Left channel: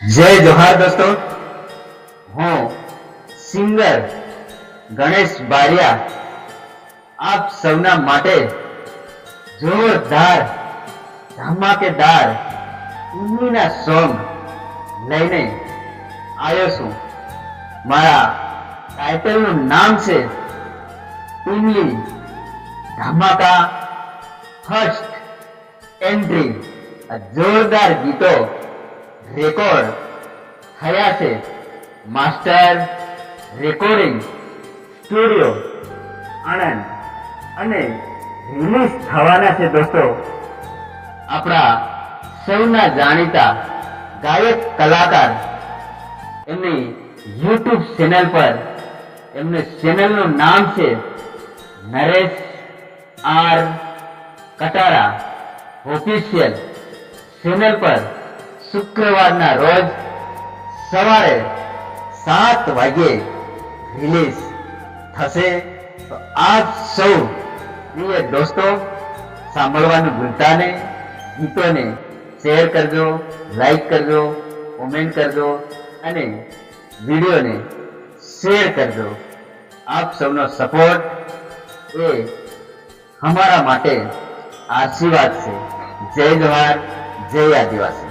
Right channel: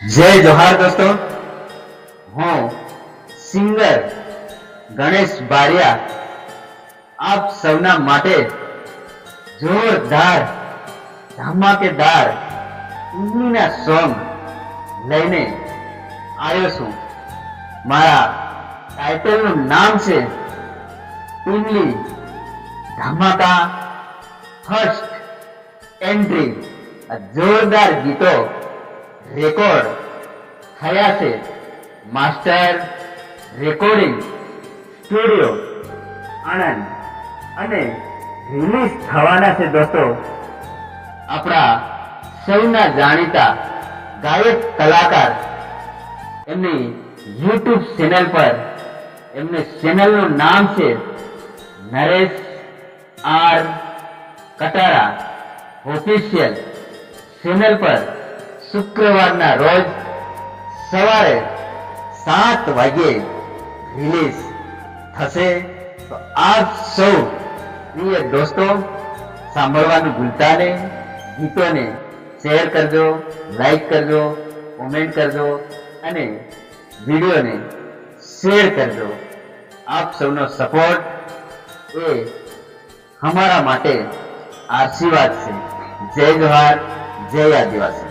જય જોહાર દોસ્તો, હું સિંગર ગણેશ બારિયા આપ સૌના માટે જોરદાર ધમાકેદાર ઇમલીના સોંગ લઈને આવ્યો છું. મારા ટાઇટલનું નામ છે ઇમલી ધમાકા ફર્સ્ટ એન્ટ્રી. આ જોરદાર ગીતો રેકોર્ડ થયા છે માસ્ટર રેકોર્ડિંગ સ્ટુડિયો આણંદ અને રિલીઝ થવાના છે દોસ્તો આપણા સૌના જાણીતા ગાયક કલાકાર એમની યુટ્યુબ ચેનલ પર. એમની ચેનલનું નામ છે Naresh R Katara official. Channel પર શુક્રવારના રોજ સવારે 7 વાગ્યે રિલીઝ થશે. તો આપ સૌ પ્રિય દોસ્તો સાંભળવાનું ભૂલતા નહીં. ગીતોને શેર કરજો, લાઈક કરજો, કોમેન્ટ કરજો અને વિડીયોને શેર કરજો. આપ સૌનો સપોર્ટ એ અમારા માટે આશીર્વાદ છે. જય જોહાર, જય આદિવાસી.